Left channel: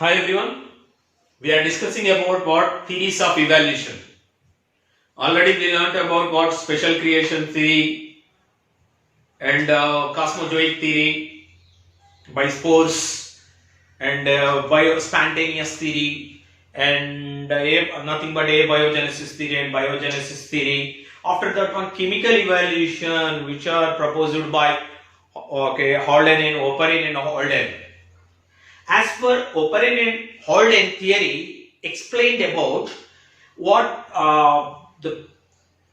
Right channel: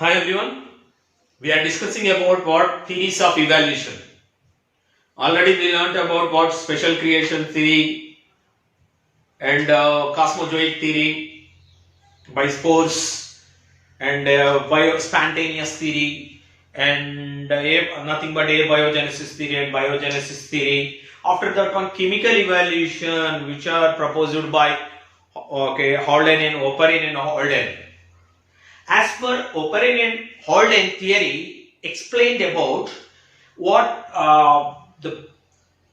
Hi everyone, we are discussing about what theories of evolution. Already we learnt about what special creation theory and cosmozoic theory by spores and spontaneous theory and nothing but abiogenesis theory and biogenesis theory. After that one chemical evolution which are proposed by Holden and Oparin and Holden. As per Oparin and Holden theory explained about what the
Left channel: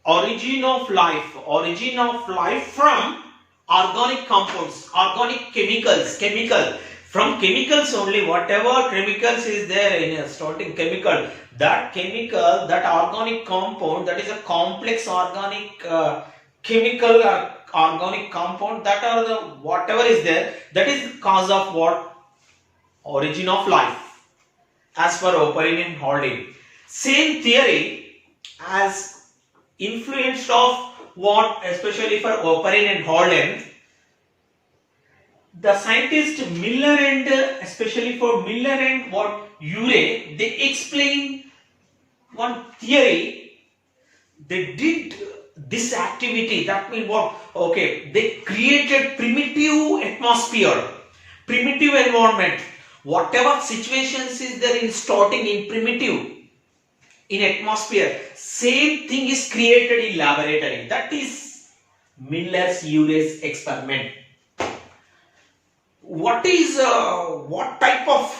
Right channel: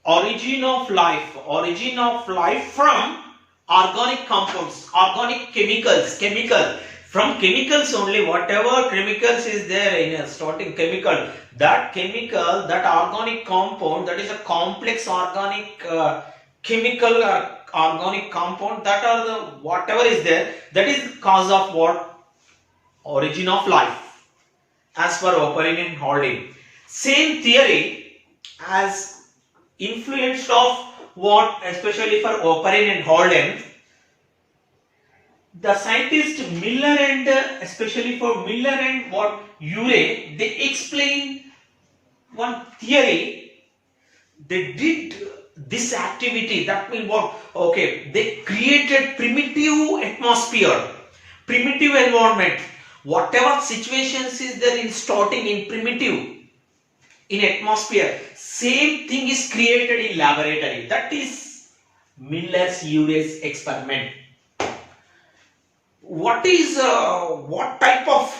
origin of life from organic compounds, organic chemical from chemicals only, whatever chemicals is there in a starting chemical, that organic compound, that is a complex organic chemical or organic compound, that are the whatever is there, that is the cause of what origin of life as per Oparin and Holden. Same theory as influenced of what, especially for Oparin and Holden, the scientist Miller and especially for Miller and what Urey, they explain one theory. They did this activity, that means what? Okay, they created primitive atmosphere, primitive environment. Whatever situations is there in starting in primitive, in atmosphere, same thing is created in laboratory. That is Miller's Urey's experiment. What type of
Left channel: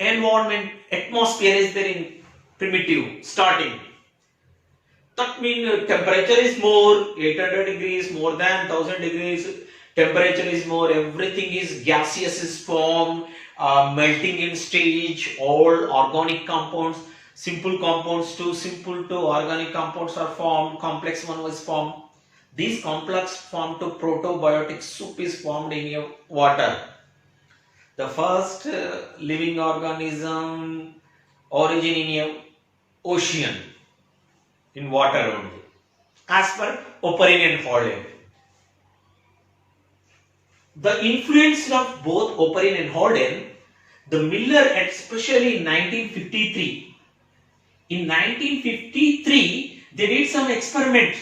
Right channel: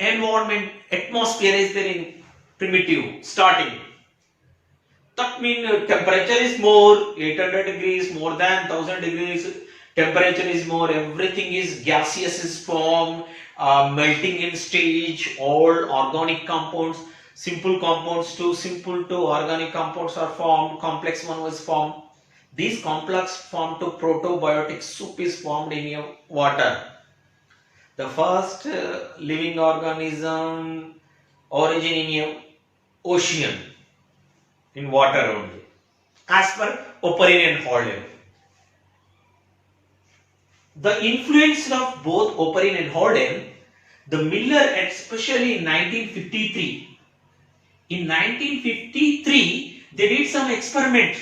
environment, atmosphere is there in primitive starting? That means temperature is more, 800 degrees, more than 1000 degrees. Temperature is more, everything is gaseous is formed, melting in stage, all organic compounds, simple compounds to organic compounds are formed, complex one was formed. This complex form to protobiotic soup is formed in your water. The first living organism origin in your ocean, in water only, as per Oparin and Holden. The influence of both Oparin and Holden, the Miller, especially in 1953. In 1953, they did some experiment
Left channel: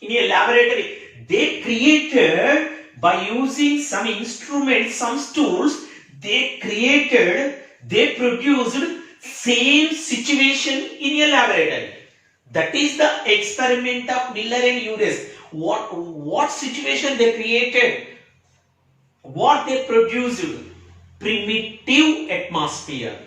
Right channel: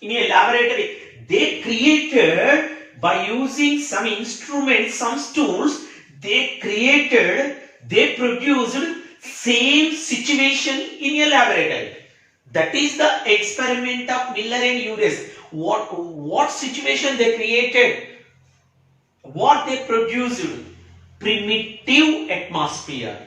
in a laboratory. They created, by using some instruments, some tools, they produced same situation in a laboratory. That is the experiment of Miller and Urey. What situation they created? What they produced? Primitive atmosphere.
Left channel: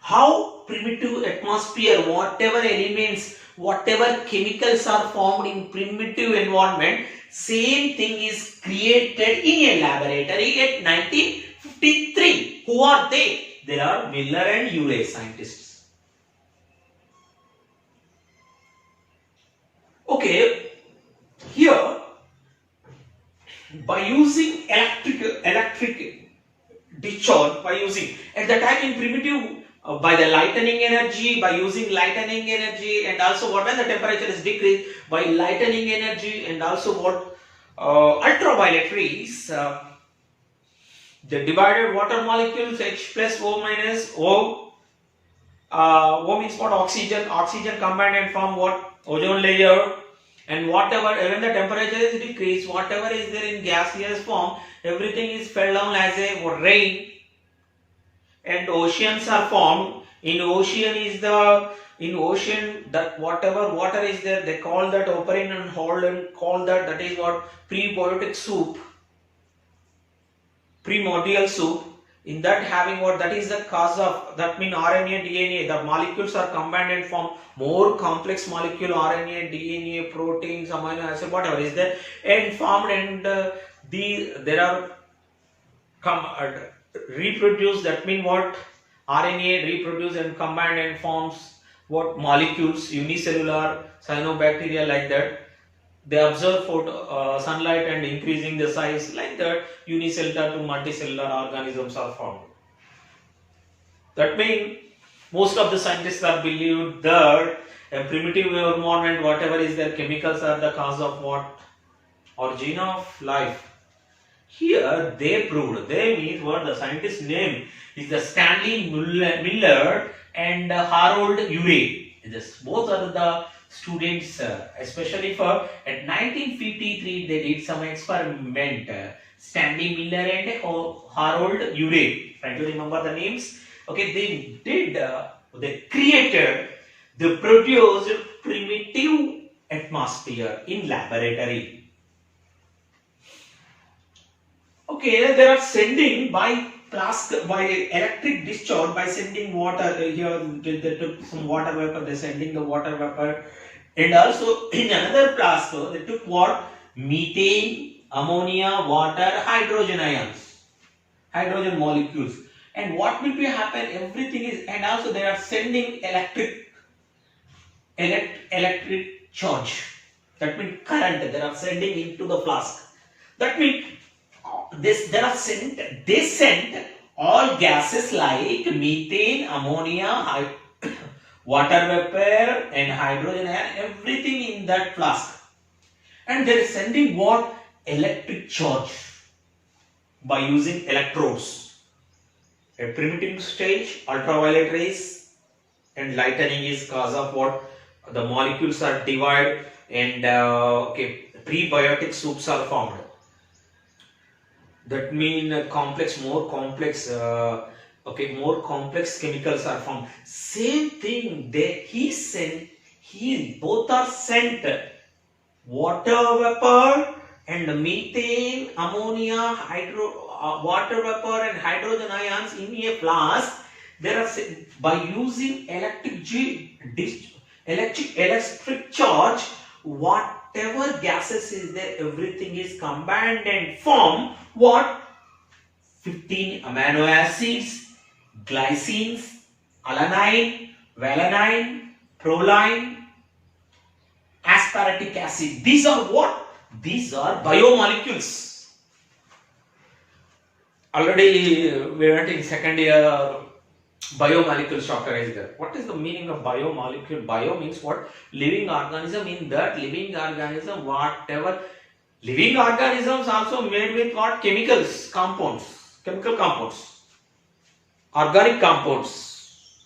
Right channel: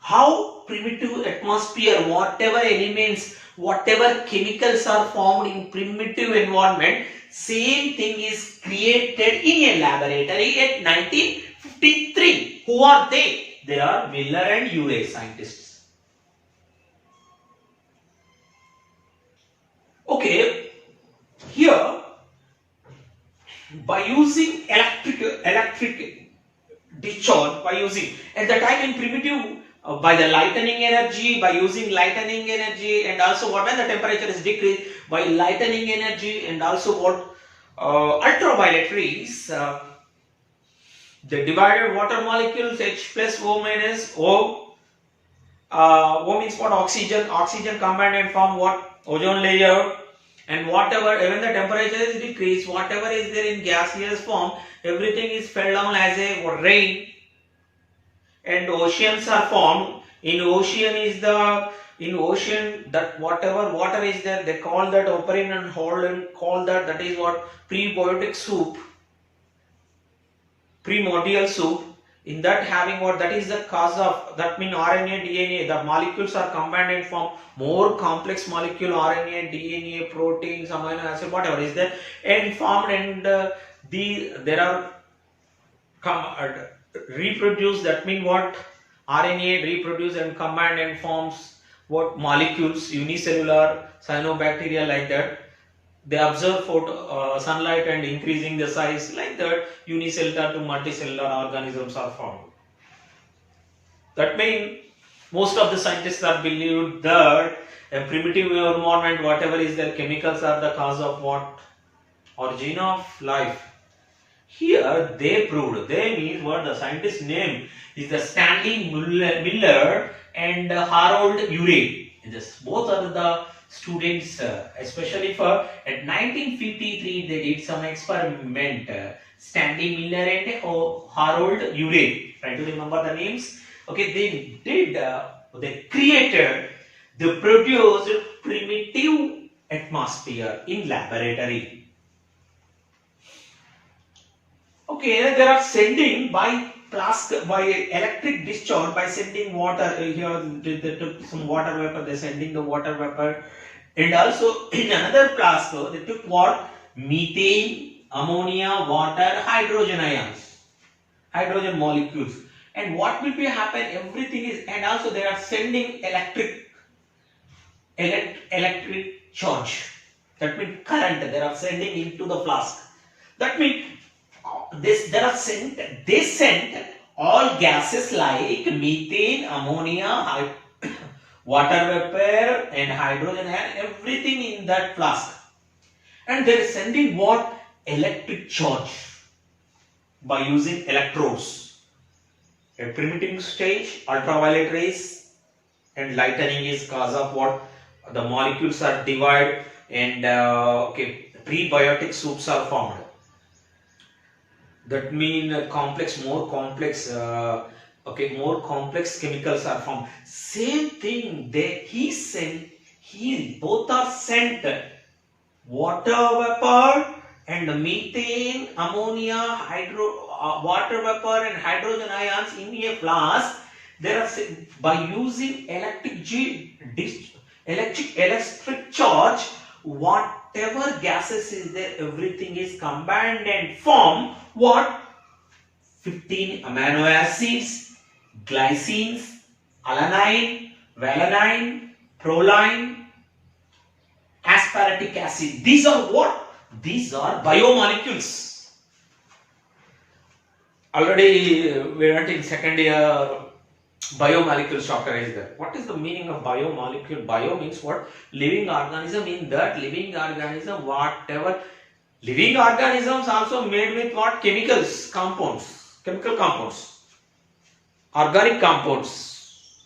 How primitive atmosphere, whatever elements, whatever chemicals are formed in primitive environment, same thing is created in a laboratory at 1953. Who are they? They are Miller and Urey scientists. Okay, here by using electric discharge, by using at the time in primitive by the lightning energy, by using lightning energy, and also what when the temperature is decreased by lightning energy, and also what ultraviolet rays, they divided water molecules H plus O minus O. O means what? Oxygen combined and form what? Ozone layer. And whatever, even the temperature is decreased, whatever is there in gaseous form, everything is fell down as a rain, and oceans are formed. In ocean that whatever water is there, they call that, Oparin and Holden call that is what? Prebiotic soup, primordial soup. In that having what? That is the cause of, that means RNA, DNA, the molecules are combined and form more complex molecule, RNA, DNA, proteins, amino acid, whatever is there, and formed, and there are reproduced. That means what? RNA reproduce and combined and forms what? Molecules, unicellular, cyanobacteria, like that. They observe sunlight and increasing the size, like that unicellular to multicellular organisms are formed. That means most of the scientists are believed that a primitive environment, whatever is there, chemicals are the cause of what? Origin of life. Here they proved, they means what the scientist name is the Stanley Miller and Harold Urey. This both are the students, especially for at 1953 they did some experiment. Stanley Miller and Harold Urey. Try to remember the names. Okay, they created, they produced primitive atmosphere in laboratory. Okay, they are sending by electric discharge by sending water. Here they took some water vapor. They sending the water vapor, and also in another flask they took what, methane, ammonia, water, hydrogen ions, hydrogen molecules. And what will be happen? Everything is, and also they are sending electric charge. That means current. They are sending into the flask. That means they sent all gases like methane, ammonia, water vapor and hydrogen and everything in that flask, and they are sending what, electric charge by using electrodes. A primitive stage, ultraviolet rays and lightning is cause of what, the molecules are divided, and prebiotic soups are formed. That means more complex chemicals are formed. Same thing, both are sent water vapor and methane, ammonia, water vapor and hydrogen ions in a flask. There are, by using electric charge, whatever gases is there, everything is combined and form what, 15 amino acids, glycines, alanine, valine, proline, aspartic acid. These are what? These are biomolecules. Already we went in second year, biomolecule chapter is there. What is the meaning of biomolecule? Bio means what? Living organism. In that living organism, whatever living organisms also made with what? Chemicals, compounds, chemical compounds, organic compounds,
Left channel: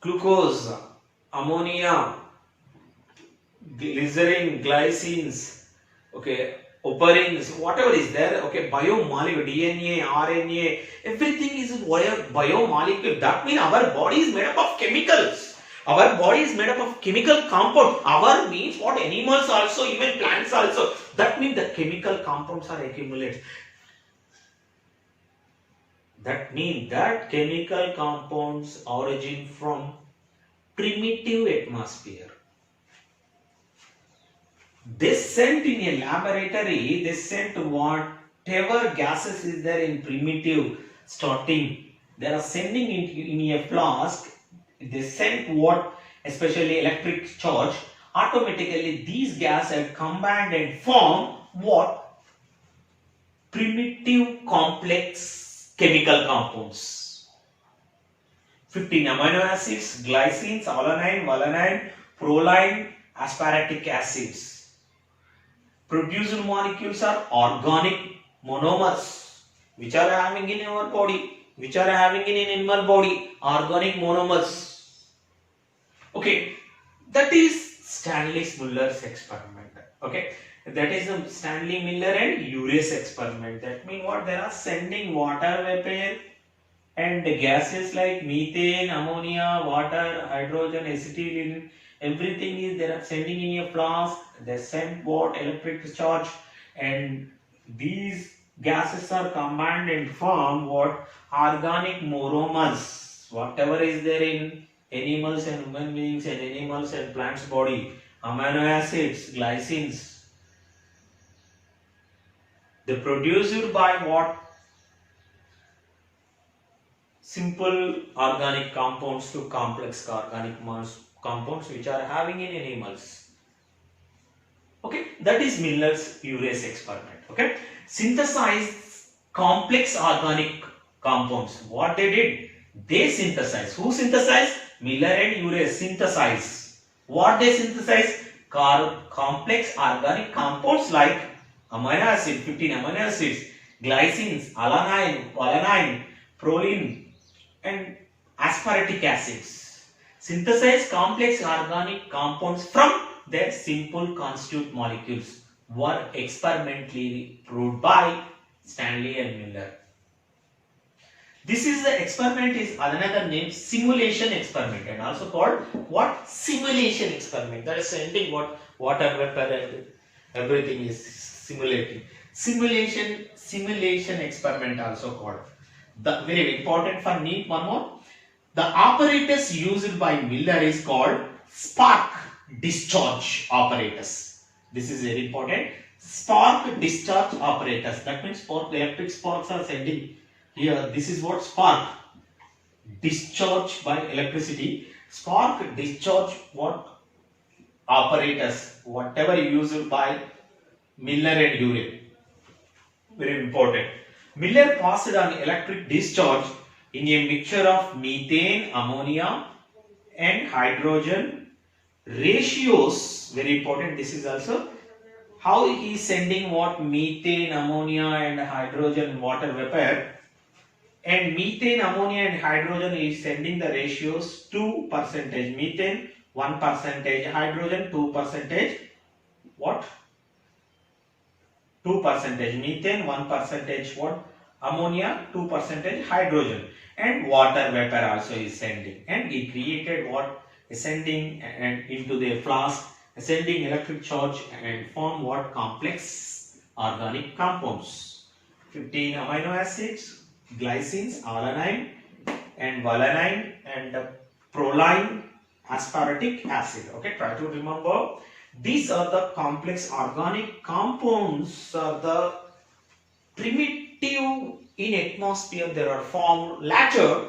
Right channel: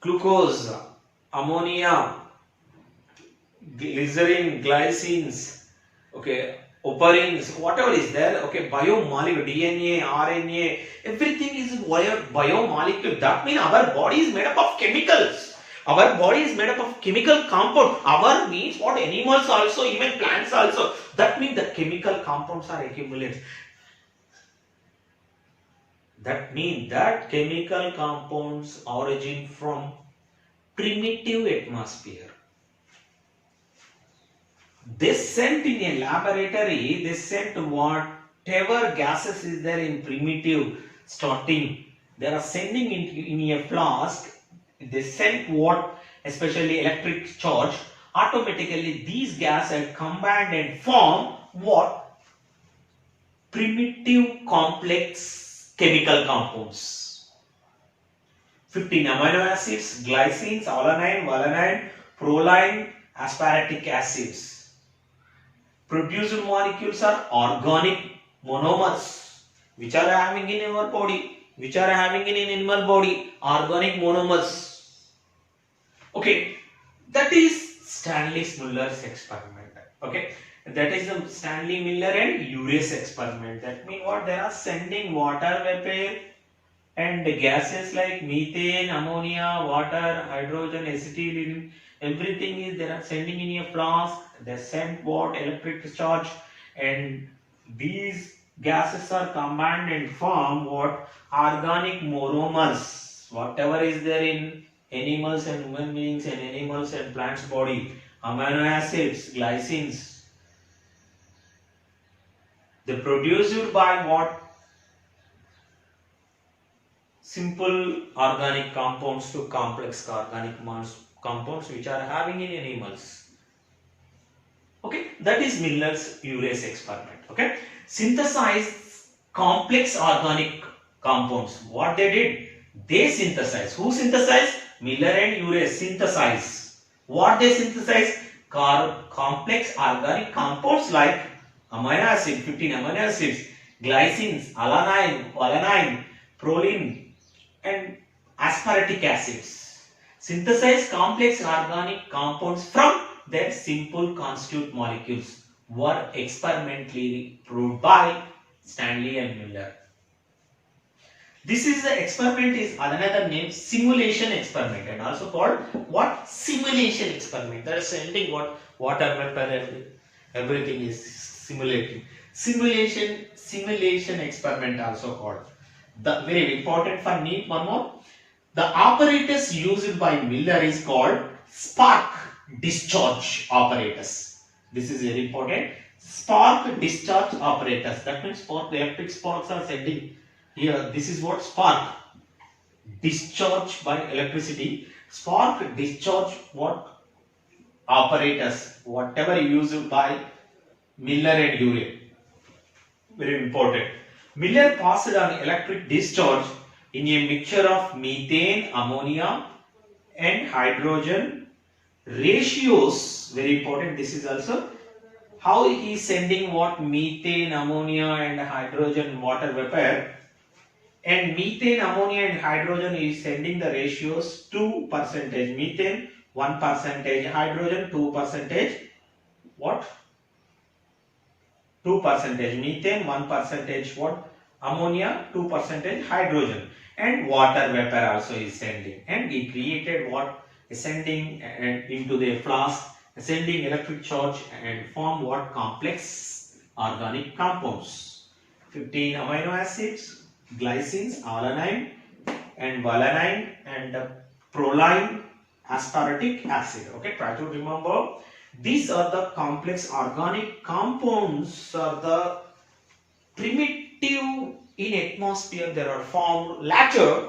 glucose, ammonia, glycerin, glycines, okay, operins, whatever is there, okay, biomolecule, DNA, RNA, everything is biomolecule. That means our body is made up of chemicals. Our body is made up of chemical compound. Our means what, animals also, even plants also. That means the chemical compounds are accumulated. That means that chemical compounds origin from primitive atmosphere. They sent in a laboratory, they sent whatever gases is there in primitive starting. They are sending in a flask. They sent what, especially electric charge, automatically these gases combined and form what, primitive complex chemical compounds. 15 amino acids, glycines, alanine, valine, proline, aspartic acids. Produced molecules are organic monomers, which are having in our body, which are having in animal body, organic monomers. Okay, that is Stanley Miller's experiment. Okay, that is the Stanley Miller and Urey's experiment. That means what, they are sending water vapor and gases like methane, ammonia, water, hydrogen, acetylene, everything is they are sending in a flask. They send what, electric charge, and these gases are combined and form what, organic monomers. Whatever is there in animals and human beings and animals and plants body, amino acids, glycines, they produced by what, simple organic compounds to complex organic compounds which are having in animals. Okay, that is Miller's-Urey's experiment. Okay, synthesize complex organic compounds. What they did, they synthesize. Who synthesized? Miller and Urey synthesize. What they synthesize? Complex organic compounds like amino acid, 15 amino acids, glycines, alanine, valine, proline, and aspartic acids. Synthesize complex organic compounds from their simple constituent molecules were experimentally proved by Stanley and Miller. This is the experiment is another name simulation experiment and also called what? Simulation experiment. That is sending what water vapor and everything is simulating. Simulation experiment also called. The very important for me one more. The apparatus used by Miller is called spark discharge apparatus. This is very important. Spark discharge apparatus. That means spark, the electric sparks are sending here. This is what spark discharge by electricity. Spark discharge what apparatus, whatever used by Miller and Urey. Very important. Miller passed on electric discharge in a mixture of methane, ammonia and hydrogen ratios. Very important. This is also how he is sending what? Methane, ammonia and hydrogen water vapor. And methane, ammonia and hydrogen is sending the ratios 2%. Methane 1%, hydrogen 2%. What? 2%. Methane 1%. What? Ammonia 2%. Hydrogen. And water vapor also is sending. And he created what? Sending and into the flask, sending electric charge and form what? Complex organic compounds. 15 amino acids, glycines, alanine and valine and proline, aspartic acid. Okay, try to remember. These are the complex organic compounds are the primitive in atmosphere. They are formed later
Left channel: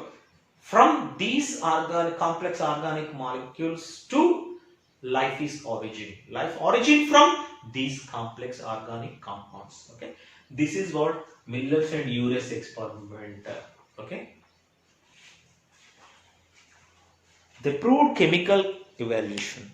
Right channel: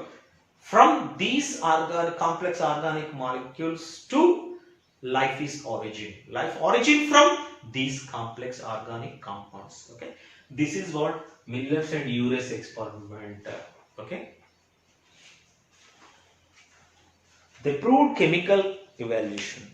from these complex organic molecules to life is origin. Life origin from these complex organic compounds. Okay, this is what Miller's and Urey's experiment. Okay, they proved chemical evaluation.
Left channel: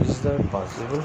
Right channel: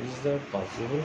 Is that possible?